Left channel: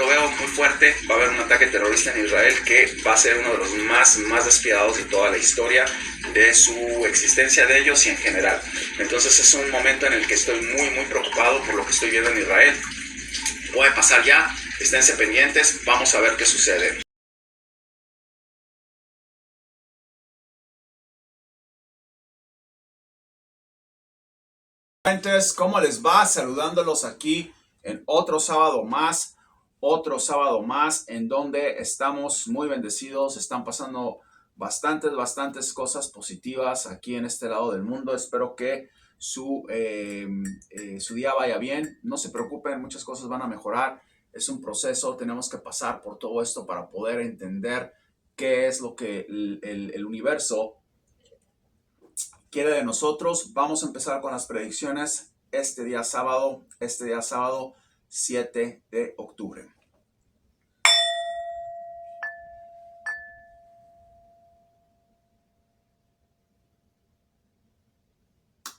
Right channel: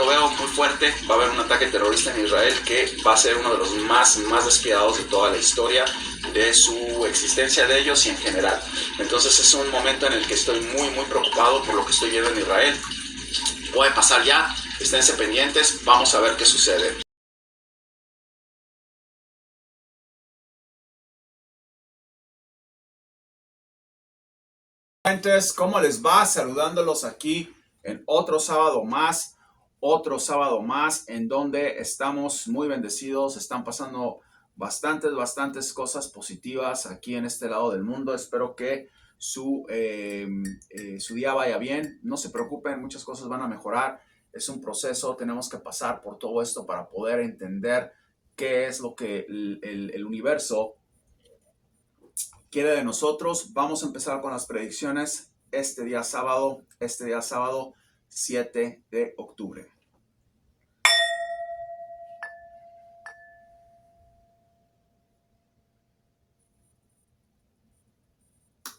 lo veo muy fuerte. Va a haber un ataque terrorista en Israel que va a ser uno de los más despiadados de toda la historia de su existencia de ellos y en general. Entonces es un momento en el que estoy muy preocupado por lo que estoy viendo en Israel. Puede pasar ya, esténse pendientes, vamos a ver qué sucede. ¿Cómo les va? Saludándolos aquí en otro sábado más en donde estamos muy bendecidos. Están pasando bastantes cosas positivas aquí en este lado del mundo. Espero que su día vaya bien. No se preocupen, muchas cosas van a mejorar. Es un proceso, tenemos que pasar por todo esto para poder entender qué es lo que el universo quiere de nosotros. Vamos a empezar con las predicciones este día sábado 7 de octubre.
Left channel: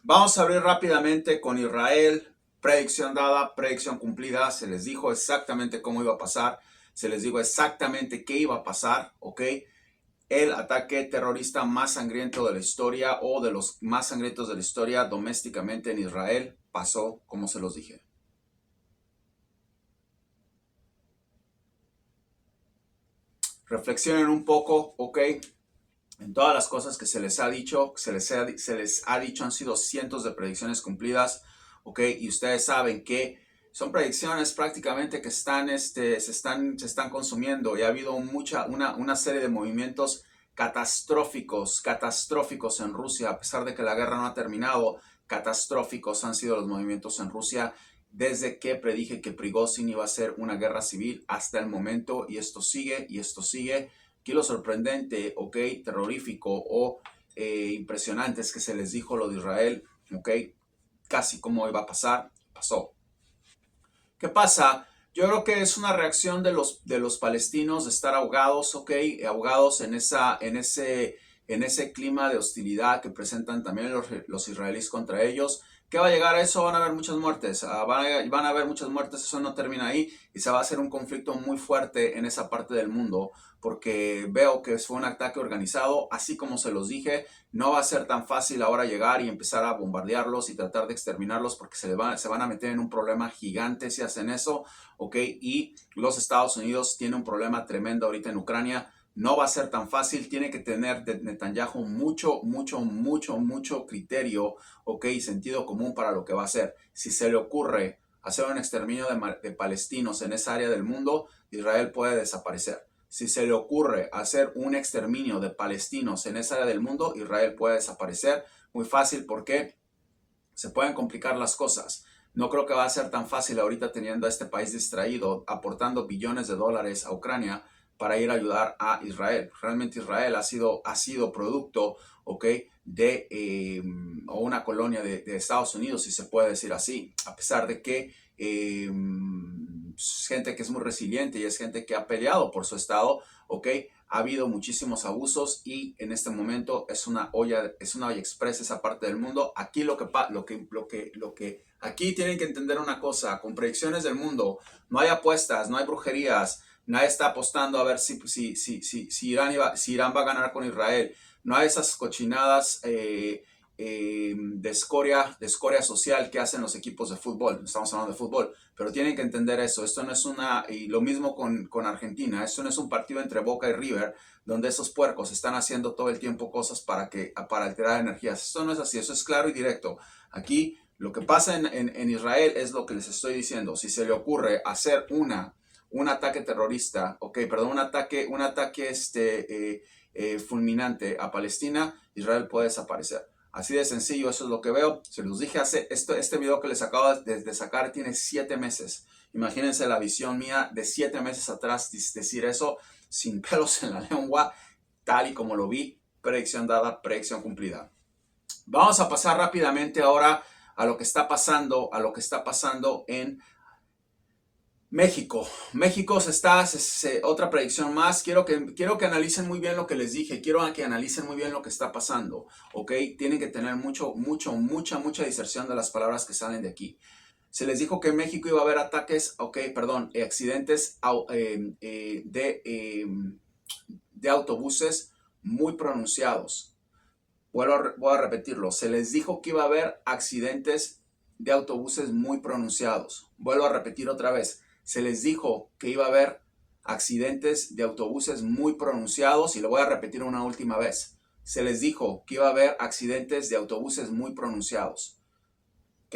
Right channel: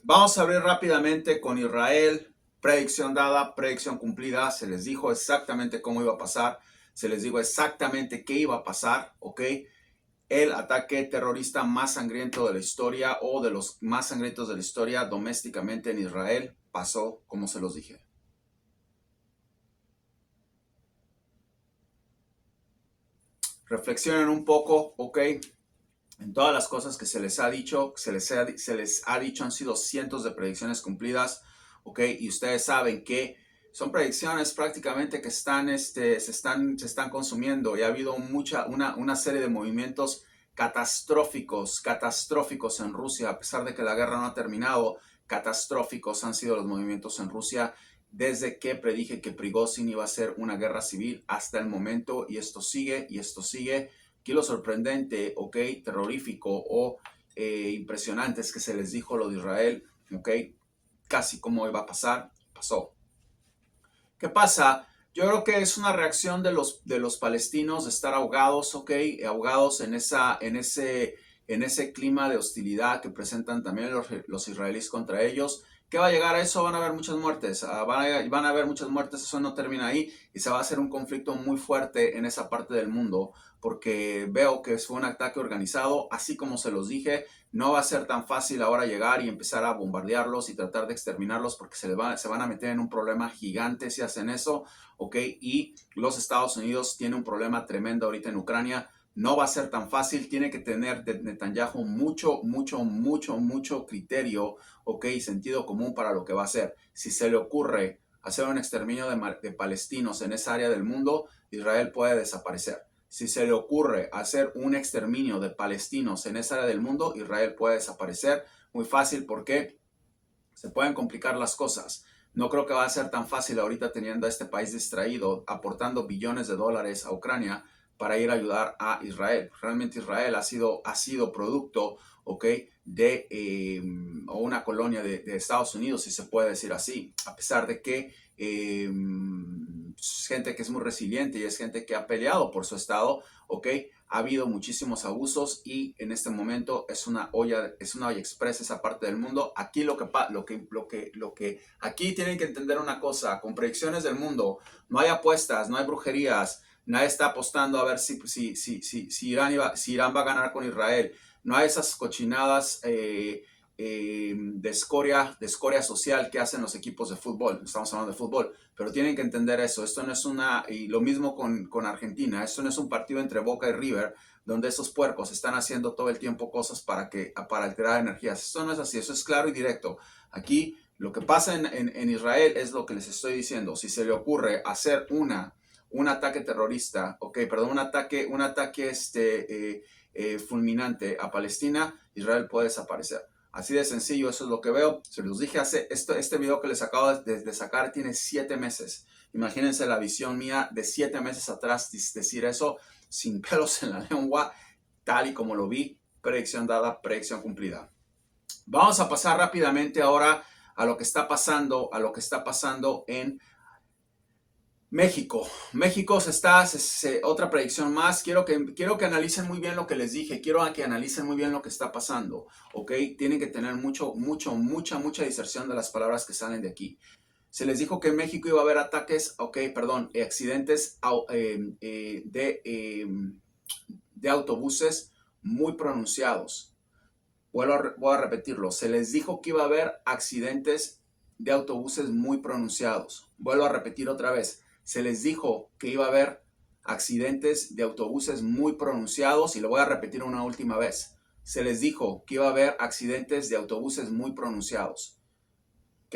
Vamos a abrir rápidamente con Israel. Predicción dada, predicción cumplida. Se les dijo exactamente cómo iba a pasar. Se les dijo exactamente qué iba a pasar, ¿ok? El ataque terrorista más sangriento de la historia o de los más sangrientos de la historia domésticamente en Israel pasó como se los dije. Reflexionen un poco, ¿ok? En todas las cosas que se les ha dicho, han sido cientos de predicciones cumplidas, ¿ok? Y ustedes saben que son predicciones prácticamente que se están consumiendo y ha habido una serie de movimientos catastróficos en Rusia, a pesar de que la guerra no ha terminado. Catastróficos han sido los movimientos en Rusia desde que predije que Prigozhin iba a ser una guerra civil hasta el momento, y esto sigue. Aquí lo sorprendente, ok, terrorífico o impresionante es que se les dijo lo de Israel, ok, casi como iba a pasar, pasó. ¿Qué pasa? Yo creo que es una reacción de los palestinos de estar ahogados, ok, ahogados en ese clima de hostilidad que presentan también los israelíes contra ellos. ¿Qué va a llegar a eso? Van a haber muchas muertes, van a haber muchas muertes, eso no termina ahí y se va a hacer un conflicto muy fuerte en esa parte del mundo, porque veo que fue un ataque organizado, así como se los dije. No va a ser tan fácil ahora llegar y empezar a bombardearlos y tratar de exterminarlos, porque se van a meter en un problema gigante si hacen eso, ¿ok? Y los Estados Unidos tienen un problema tremendo ahorita en Ucrania. No va a ser tan fácil, tiene que tener Netanyahu mucho criterio, ¿ok? Y sentido común para lo que va a hacer. Si se le ocurre hacer un exterminio de palestinos en esa área del mundo, Israel puede desaparecer. Si se le ocurre hacer un exterminio de palestinos en esa área del mundo, Israel puede desaparecer. Muy fácil, porque se pueden complicar las cosas. No creo que va a ser tan fácil ahorita, teniendo a este país distraído, aportando billones de dólares a Ucrania para ir a ayudar a Israel. Realmente Israel ha sido producto, ¿ok?, de una colonia de Estados Unidos, si se puede decir así, a pesar de que es gente que es muy resiliente y es gente que ha peleado por su estado, ¿ok? Ha habido muchísimos abusos y en este momento es una olla express esa parte del mundo. Aquí aquí tienen que entender una cosa: con predicciones del mundo no hay apuestas, no hay brujerías. Nadie está apostando a ver si Irán va a ganar con Israel. No hay esas cochinadas de escoria social que hacen los equipos de fútbol. Estamos hablando de fútbol, pero tienen que entender eso. Esto no es y lo mismo con Argentina. Esto no es un partido entre Boca y River, donde esos puercos están haciendo todo el tiempo cosas para alterar energías. Esto no es así, eso es claro y directo. Aquí lo que pasa en Israel es lo que les estoy diciendo. Si se le ocurre hacer un ataque terrorista, un ataque fulminante a Palestina, Israel puede desaparecer. Así de sencillo, eso es lo que veo. Se los dije este video que les acabo de sacar tiene 7 meses. Imagínense la visión mía de 7 meses atrás, decir eso sin pelos en la lengua, tal y como lo vi. Predicción dada, predicción cumplida. Vamos a pasar rápidamente ahora a lo que está pasando en México. Otra predicción más. Quiero que analicen muy bien lo que les dije. Quiero que analicen muy bien lo que está pasando, ¿ok? Tienen que tener mucha diserción de las palabras que salen de aquí. Se les dijo que en México iba a haber ataques, accidentes de autobuses muy pronunciados. Voy a repetirlo. Se les dijo que iba a haber accidentes de autobuses muy pronunciados. Vuelvo a repetir otra vez. Se les dijo que iba a haber accidentes de autobuses muy pronunciados y lo voy a repetir una última vez. Se les dijo que iba a haber accidentes de autobuses muy pronunciados. ¿Ok?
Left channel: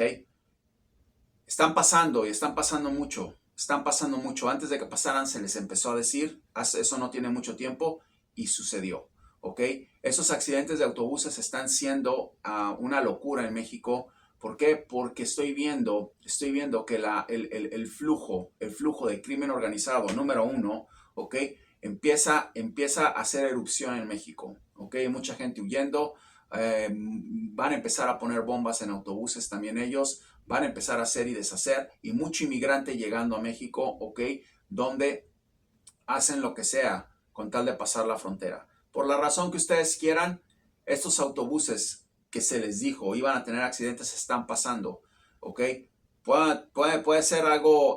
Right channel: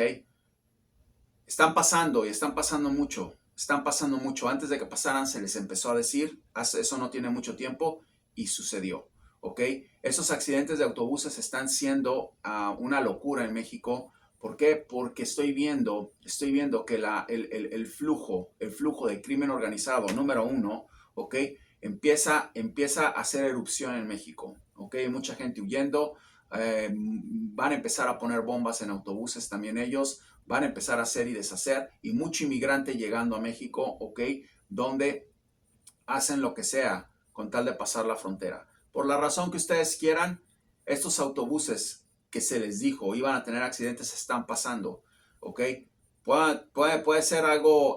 Están pasando y están pasando mucho. Están pasando mucho. Antes de que pasaran se les empezó a decir, eso no tiene mucho tiempo y sucedió. ¿Ok? Esos accidentes de autobuses están siendo una locura en México. ¿Por qué? Porque estoy viendo que el flujo de crimen organizado número uno, ¿ok? Empieza a hacer erupción en México, ¿ok? Mucha gente huyendo, van a empezar a poner bombas en autobuses también ellos, van a empezar a hacer y deshacer, y mucho inmigrante llegando a México, ¿ok? Donde hacen lo que sea con tal de pasar la frontera. Por la razón que ustedes quieran, estos autobuses que se les dijo iban a tener accidentes están pasando, ¿ok? Puede ser algo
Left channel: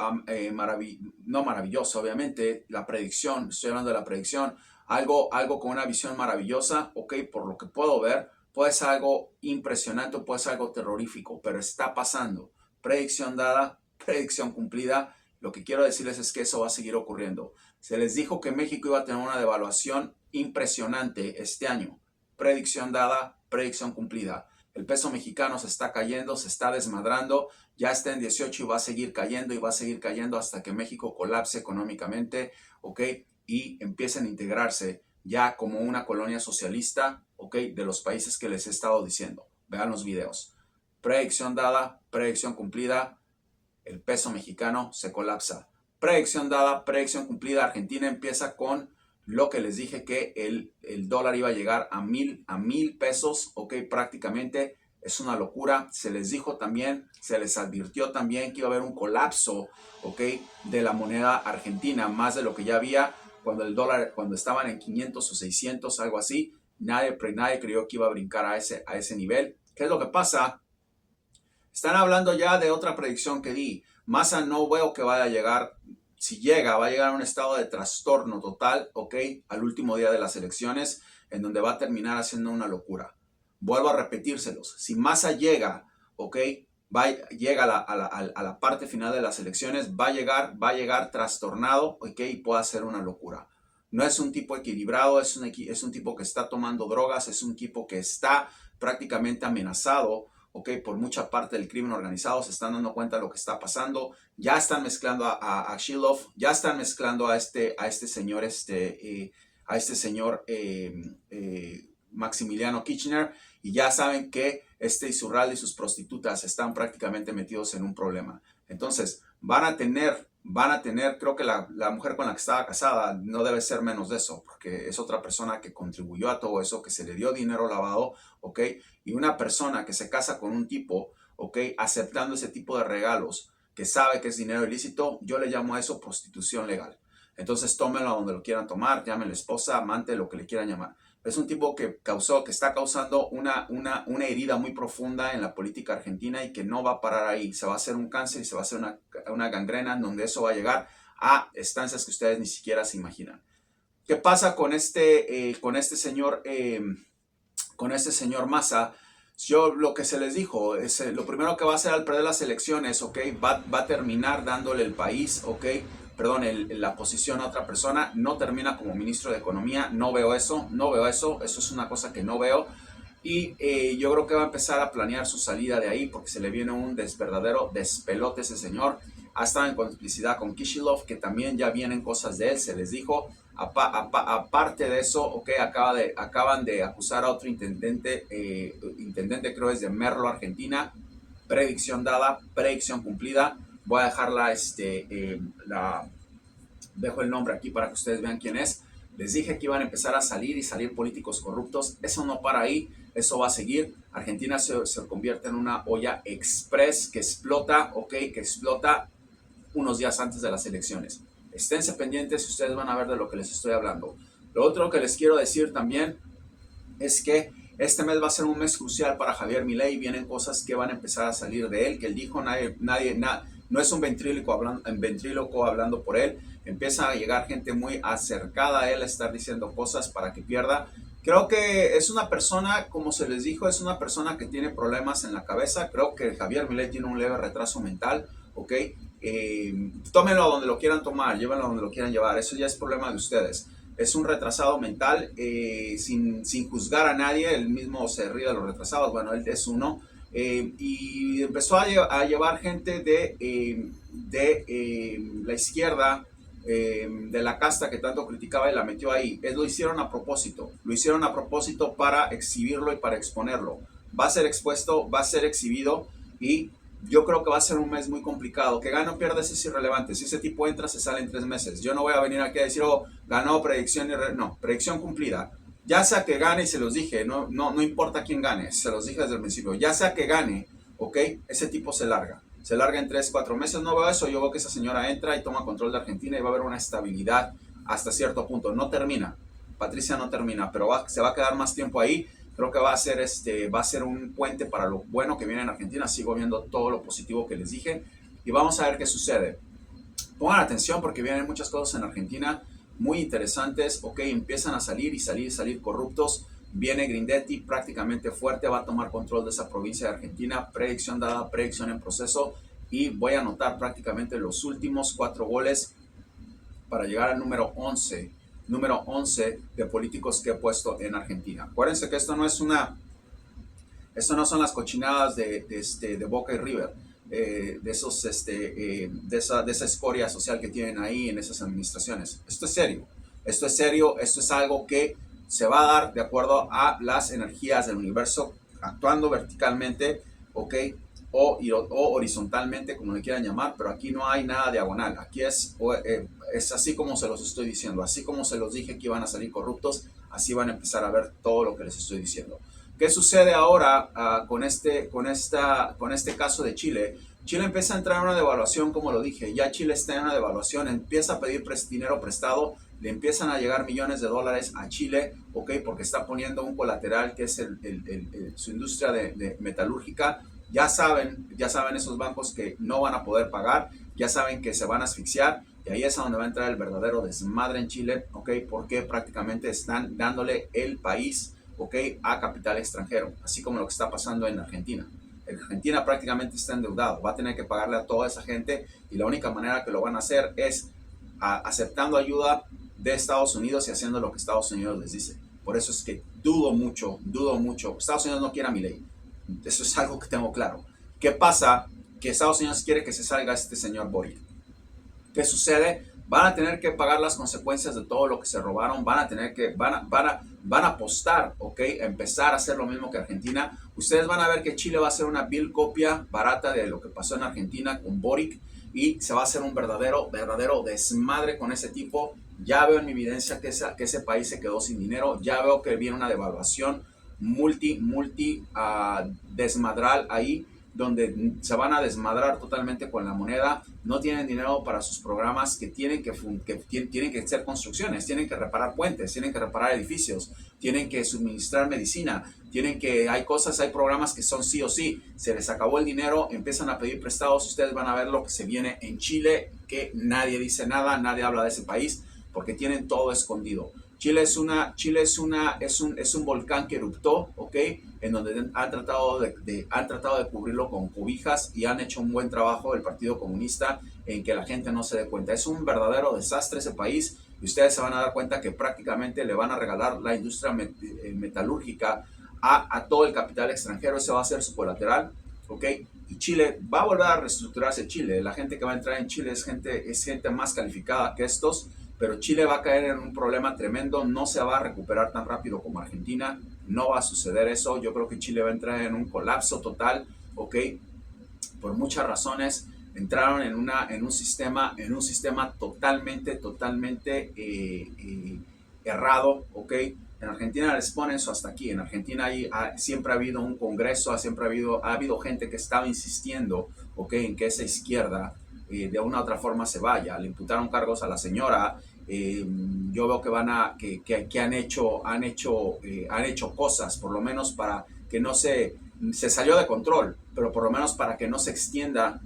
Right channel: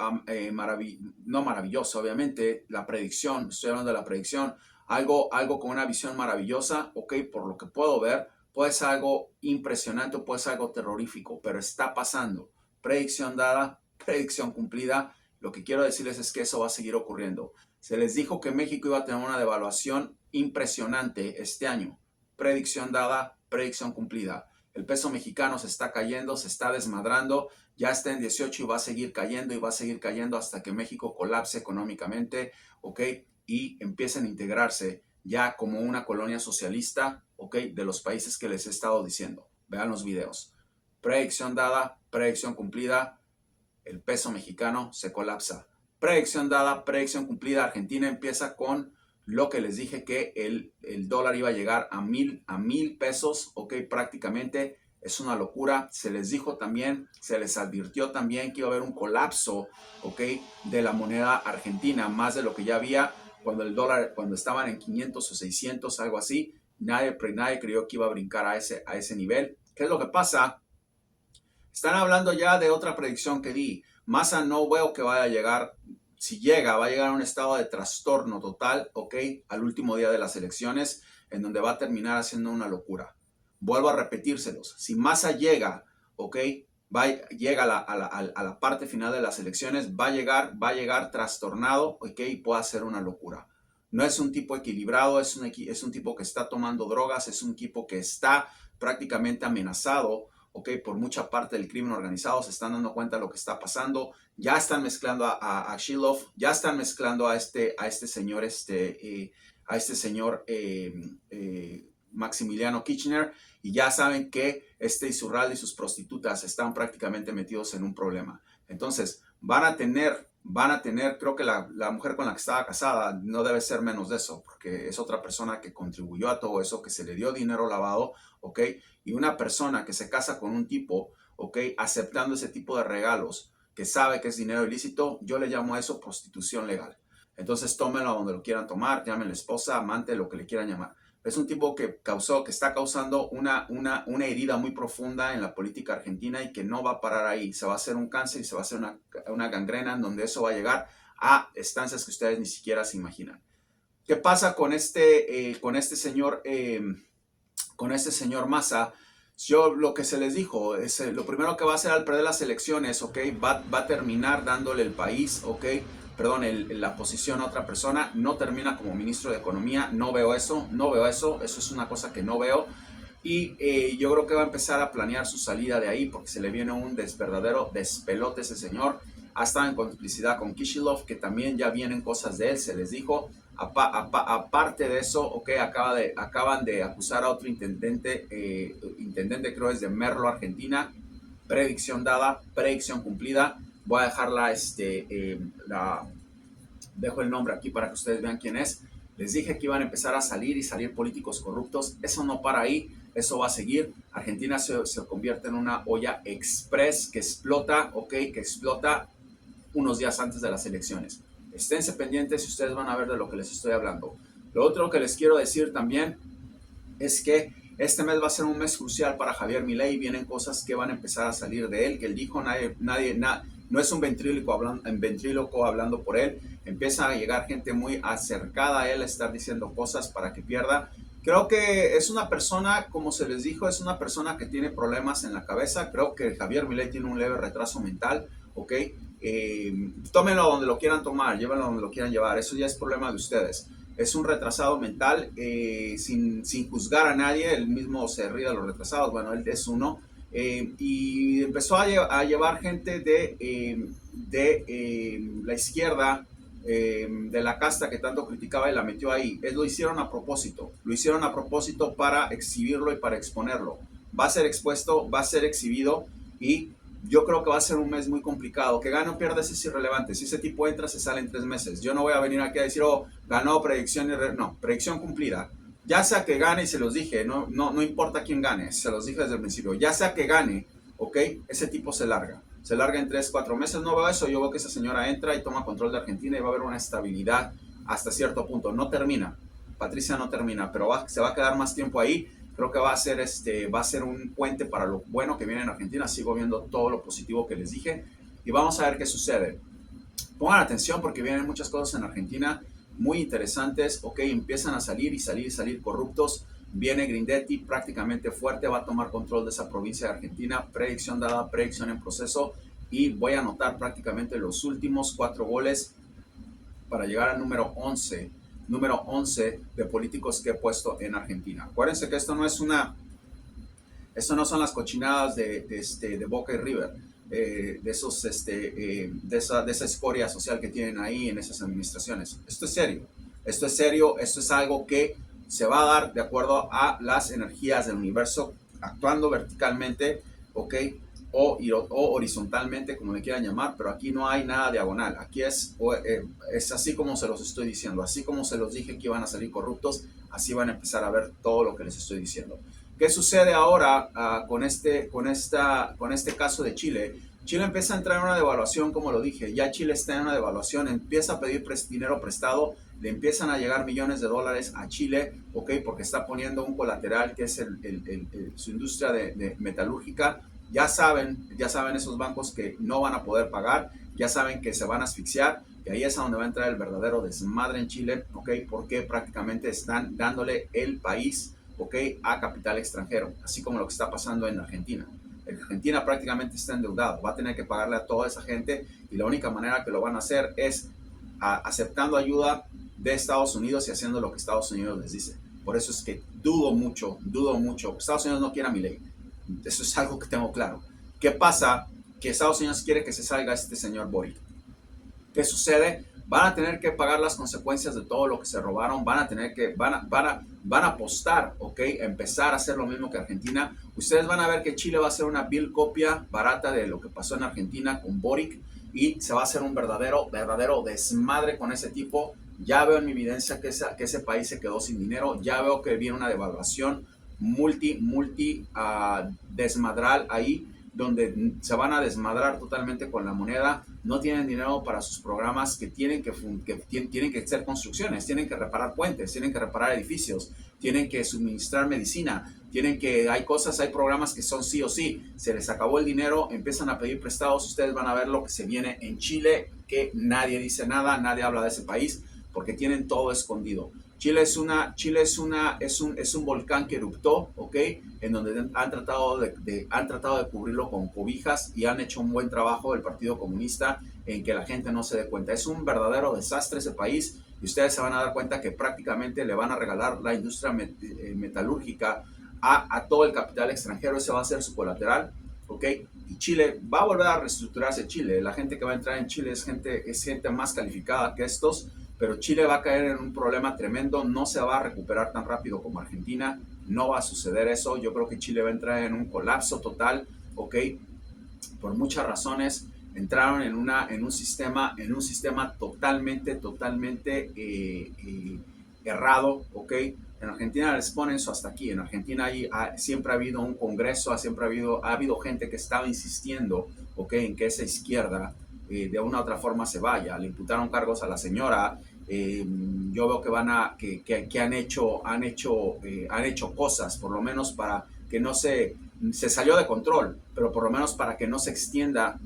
no maravilloso, obviamente, la predicción, estoy hablando de la predicción, algo con una visión maravillosa, ¿ok? Por lo que puedo ver, puede ser algo impresionante, puede ser algo terrorífico, pero está pasando. Predicción dada, predicción cumplida. Lo que quiero decirles es que eso va a seguir ocurriendo. Se les dijo que México iba a tener una devaluación impresionante este año. Predicción dada, predicción cumplida. El peso mexicano se está cayendo, se está desmadrando, ya está en 18 y va a seguir cayendo y va a seguir cayendo hasta que México colapse económicamente, ¿ok? Y empiecen a integrarse ya como una colonia socialista, ¿ok? De los países que les he estado diciendo. Vean los videos. Predicción dada, predicción cumplida, el peso mexicano se colapsa. Predicción dada, predicción cumplida, Argentina empieza con lo que les dije que el dólar iba a llegar a mil pesos, ok, prácticamente es una locura. Se les dijo también, se les advirtió también que iba a haber un colapso, ok, de la moneda argentina, más de lo que ya había cuando el dólar, cuando estaban en 500 o 600, algo así. Nadie creyó que iba a brincar a ese nivel. ¿Qué es lo que pasa? Están hablando ya de otra predicción que di. Massa no veo que vaya a llegar. Si llega, va a llegar a un estado de trastorno total, ¿ok? Al último día de las elecciones, en donde va a terminar haciendo una locura. Vuelvo a repetírselos. Si Massa llega, ¿ok? Llega a la parte final de las elecciones, va a llegar trastornado, ¿ok? Y puede hacer una locura. No es un tipo equilibrado, es un tipo que está tomando drogas, es un tipo que está prácticamente amenazado, ¿ok? Por mucha parte del crimen organizado. Se están dando cuenta de lo que está pasando. Ya están mezclando a Shilov, ya están mezclando a este señor Maximiliano Kirchner, y ya saben que Isurralde y sus prostitutas están prácticamente metidos en un problema. Entonces van a tener, creo que la mujer con la que estaba casada no debe ser menos de eso, porque es otra persona que contribuyó a todo eso, que se le dio dinero lavado, ¿ok? Y una persona que se casa con un tipo, ¿ok? Aceptando ese tipo de regalos, que sabe que es dinero ilícito, yo le llamo a eso prostitución legal. Entonces tómenlo a donde lo quieran tomar, llamen esposa, amante, lo que le quieran llamar. Es un tipo que está causando una herida muy profunda en la política argentina y que no va a parar ahí. Se va a hacer un cáncer y se va a hacer una gangrena en donde eso va a llegar a estancias que ustedes ni siquiera se imaginan. ¿Qué pasa con este señor Massa? Yo lo que se les dijo es lo primero que va a hacer al perder las elecciones, ¿ok? Va a terminar dándole el país, ¿ok? Perdón, la posición a otra persona. No termina como ministro de Economía. No veo eso. Eso es una cosa que no veo. Y yo creo que va a empezar a planear su salida de ahí porque se le viene un verdadero despelote ese señor. Ha estado en complicidad con Kishilov, que también ya vienen cosas de él, se les dijo. Aparte de eso, ok, acaban de acusar a otro intendente creo es de Merlo, Argentina. Predicción dada, predicción cumplida. Voy a dejarla, dejo el nombre aquí para que ustedes vean quién es. Les dije que iban a empezar a salir políticos corruptos. Eso no para ahí, eso va a seguir. Argentina se convierte en una olla express que explota, ok, que explota unos días antes de las elecciones. Esténse pendientes y ustedes van a ver de lo que les estoy hablando. Lo otro que les quiero decir también es que Este mes va a ser un mes crucial para Javier Milei. Vienen cosas que van a empezar a salir de él, que él dijo, no es un ventríloco hablando por él. Empieza a llegar gente muy acercada a él a estar diciendo cosas para que pierda. Creo que es una persona, como se les dijo, es una persona que tiene problemas en la cabeza. Creo que Javier Milei tiene un leve retraso mental, ¿ok? Tómenlo donde lo quieran tomar, llévenlo donde lo quieran llevar. Eso ya es problema de ustedes. Es un retrasado mental, sin juzgar a nadie, él mismo se ríe de los retrasados, bueno, él es uno, y empezó a llevar gente de la izquierda, de la casta que tanto criticaba y la metió ahí. Lo hicieron a propósito para exhibirlo y para exponerlo. Va a ser expuesto, va a ser exhibido y yo creo que va a ser un mes muy complicado. Que gane o pierda es irrelevante. Si ese tipo entra, se sale en 3 meses. Yo no voy a venir aquí a decir, oh, ganó, predicción, no, predicción cumplida. Ya sea que gane, y se los dije, no importa quién gane, se los dije desde el principio. Ya sea que gane, ok, ese tipo se larga en 3, 4 meses. No veo eso, yo veo que esa señora entra y toma control de Argentina y va a haber una estabilidad hasta cierto punto. No termina, Patricia no termina, pero se va a quedar más tiempo ahí. Creo que va a ser un puente para lo bueno que viene en Argentina. Sigo viendo todo lo positivo que les dije y vamos a ver qué sucede. Pongan atención porque vienen muchas cosas en Argentina muy interesantes. Ok, empiezan a salir corruptos. Viene Grindetti prácticamente fuerte, va a tomar control de esa provincia de Argentina. Predicción dada, predicción en proceso. Y voy a anotar prácticamente los últimos 4 goles para llegar al número 11 de políticos que he puesto en Argentina. Acuérdense que esto no son las cochinadas de Boca y River, de esa escoria social que tienen ahí en esas administraciones. Esto es serio, esto es algo que se va a dar de acuerdo a las energías del universo, actuando verticalmente, ¿ok? O horizontalmente, como le quieran llamar, pero aquí no hay nada diagonal. Aquí es así como se los estoy diciendo, así como se los dije que iban a salir corruptos, así van a empezar a ver todo lo que les estoy diciendo. ¿Qué sucede ahora con este caso de Chile? Chile empieza a entrar en una devaluación, como lo dije, ya Chile está en una devaluación, empieza a pedir dinero prestado, le empiezan a llegar millones de dólares a Chile, ¿ok? Porque está poniendo un colateral que es su industria de metalúrgica. Ya saben esos bancos que no van a poder pagar, ya saben que se van a asfixiar y ahí es a donde va a entrar el verdadero desmadre en Chile, ¿ok? Porque prácticamente están dándole el país, ¿ok? A capital extranjero, así como lo que está pasando en Argentina. Argentina prácticamente está endeudado, va a tener que pagarle a toda esa gente y la única manera que lo van a hacer es aceptando ayuda de Estados Unidos y haciendo lo que Estados Unidos les dice. Por eso es que dudo mucho. Estados Unidos no quiere a Milei. Eso es algo que tengo claro. ¿Qué pasa? Que Estados Unidos quiere que se salga este señor Boric. ¿Qué sucede? Van a tener que pagar las consecuencias de todo lo que se robaron. Van a apostar, ¿ok? Empezar a hacer lo mismo que Argentina. Ustedes van a ver que Chile va a ser una vil copia barata de lo que pasó en Argentina con Boric y se va a hacer un verdadero desmadre con ese tipo. Ya veo en mi evidencia que ese país se quedó sin dinero. Ya veo que viene una devaluación desmadral ahí, donde se van a desmadrar totalmente con la moneda. No tienen dinero para sus programas que tienen que hacer construcciones, tienen que reparar puentes, tienen que reparar edificios, tienen que suministrar medicina, hay programas que son sí o sí. Se les acabó el dinero, empiezan a pedir prestados. Ustedes van a ver lo que se viene en Chile, que nadie dice nada, nadie habla de ese país, porque tienen todo escondido. Chile es un volcán que eruptó, ¿ok? En donde han tratado de cubrirlo con cobijas y han hecho un buen trabajo el Partido Comunista en que la gente no se dé cuenta. Es un verdadero desastre ese país y ustedes se van a dar cuenta que prácticamente le van a regalar la industria metalúrgica a todo el capital extranjero. Ese va a ser su colateral, ¿ok? Y Chile va a volver a reestructurarse. La gente que va a entrar en Chile es gente más calificada que estos. Pero Chile va a caer en un problema tremendo, no se va a recuperar tan rápido como Argentina, no va a suceder eso. Yo creo que Chile va a entrar en un colapso total, ¿ok? Por muchas razones. Entraron en un sistema totalmente errado, ¿ok? En Argentina les ponen eso hasta aquí. En Argentina siempre ha habido un congreso, ha habido gente que estaba insistiendo, ¿ok? En que esa izquierda de una u otra forma se vaya. Le imputaron cargos a la señora Yo veo que que han hecho cosas, por lo menos para que no se salió de control, pero por lo menos para que no se extienda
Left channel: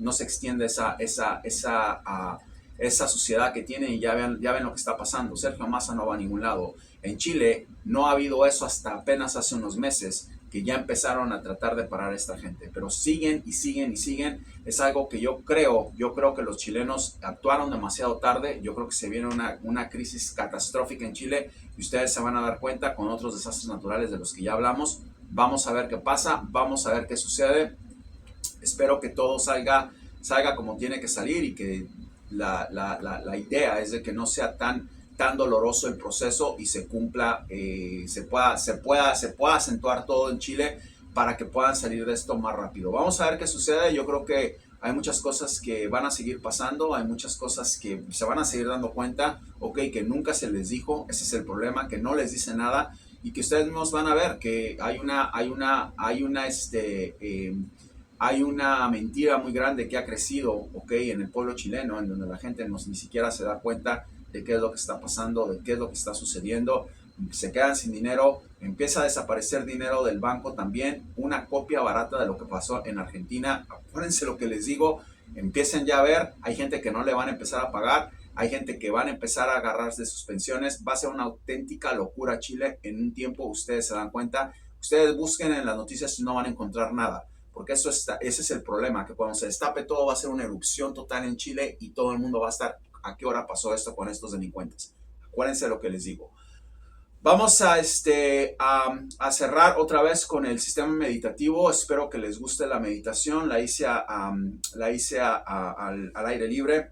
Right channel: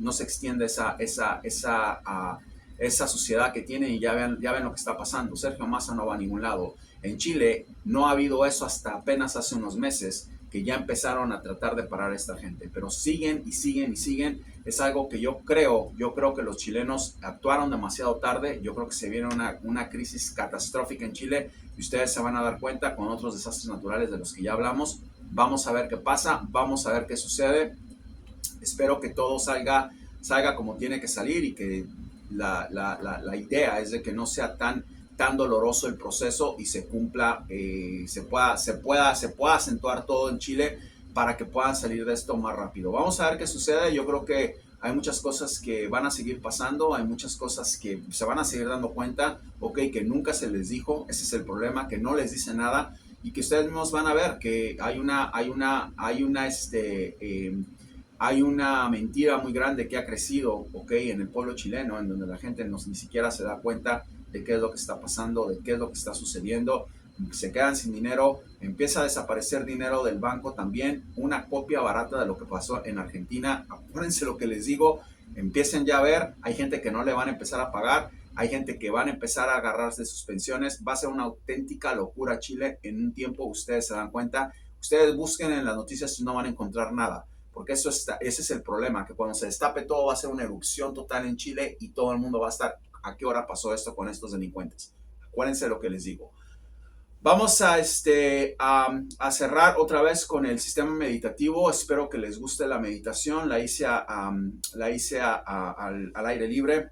esa suciedad que tienen y ya ven lo que está pasando. Sergio Massa no va a ningún lado. En Chile no ha habido eso hasta apenas hace unos meses, que ya empezaron a tratar de parar a esta gente, pero siguen y siguen y siguen. Es algo que yo creo que los chilenos actuaron demasiado tarde. Yo creo que se viene una crisis catastrófica en Chile y ustedes se van a dar cuenta con otros desastres naturales de los que ya hablamos. Vamos a ver qué pasa, vamos a ver qué sucede. Espero que todo salga como tiene que salir y que la idea es de que no sea tan doloroso el proceso y se cumpla, se pueda acentuar todo en Chile para que puedan salir de esto más rápido. Vamos a ver qué sucede. Yo creo que hay muchas cosas que van a seguir pasando, hay muchas cosas que se van a seguir dando cuenta, que nunca se les dijo. Ese es el problema, que no les dice nada y que ustedes mismos van a ver que hay una mentira muy grande que ha crecido, en el pueblo chileno, en donde la gente ni siquiera se da cuenta de qué es lo que está pasando, de qué es lo que está sucediendo. Se quedan sin dinero, empieza a desaparecer dinero del banco también, una copia barata de lo que pasó en Argentina. Acuérdense lo que les digo, empiecen ya a ver, hay gente que no le van a empezar a pagar, hay gente que van a empezar a agarrarse de sus pensiones, va a ser una auténtica locura Chile en un tiempo, ustedes se dan cuenta. Ustedes busquen en las noticias y no van a encontrar nada, porque ese es el problema, que cuando se destape todo va a ser una erupción total en Chile y todo el mundo va a estar, ¿a qué hora pasó esto con estos delincuentes? Acuérdense lo que les digo. Vamos a cerrar otra vez con el sistema meditativo. Espero que les guste la meditación. La hice al aire libre.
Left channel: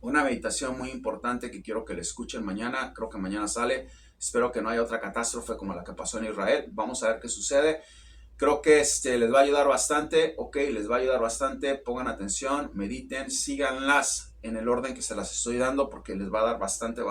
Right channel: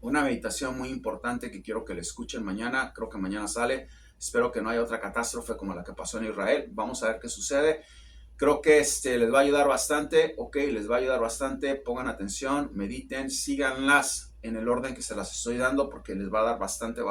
Una meditación muy importante que quiero que le escuchen mañana. Creo que mañana sale. Espero que no haya otra catástrofe como la que pasó en Israel. Vamos a ver qué sucede. Creo que les va a ayudar bastante. Les va a ayudar bastante. Pongan atención, mediten, síganlas en el orden que se las estoy dando porque les va a dar bastante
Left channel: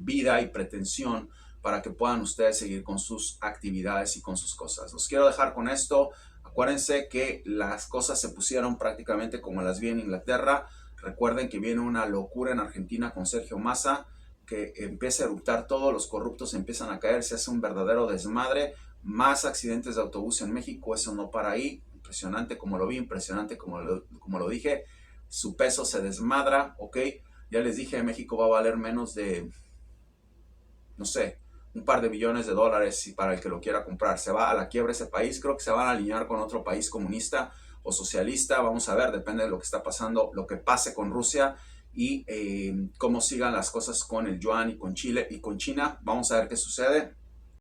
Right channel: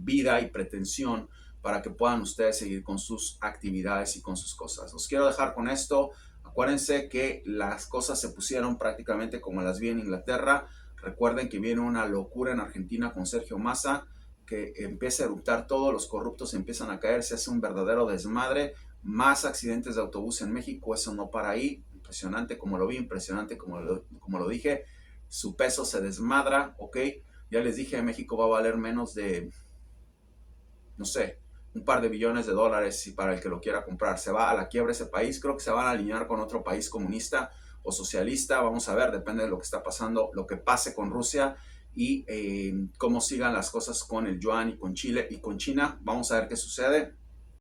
vida y pretensión para que puedan ustedes seguir con sus actividades y con sus cosas. Los quiero dejar con esto. Acuérdense que las cosas se pusieron prácticamente como las vi en Inglaterra. Recuerden que viene una locura en Argentina con Sergio Massa, que empieza a eruptar todo, los corruptos empiezan a caer, se hace un verdadero desmadre, más accidentes de autobús en México, eso no para ahí, impresionante como lo vi, impresionante como lo dije, su peso se desmadra, ya les dije, México va a valer menos de, no sé, un par de billones de dólares y para el que lo quiera comprar, se va a la quiebra ese país, creo que se van a alinear con otro país comunista o socialista, vamos a ver, depende de lo que está pasando, lo que pase con Rusia, y cómo sigan las cosas con el yuan y con Chile y con China. Vamos a ver qué sucede.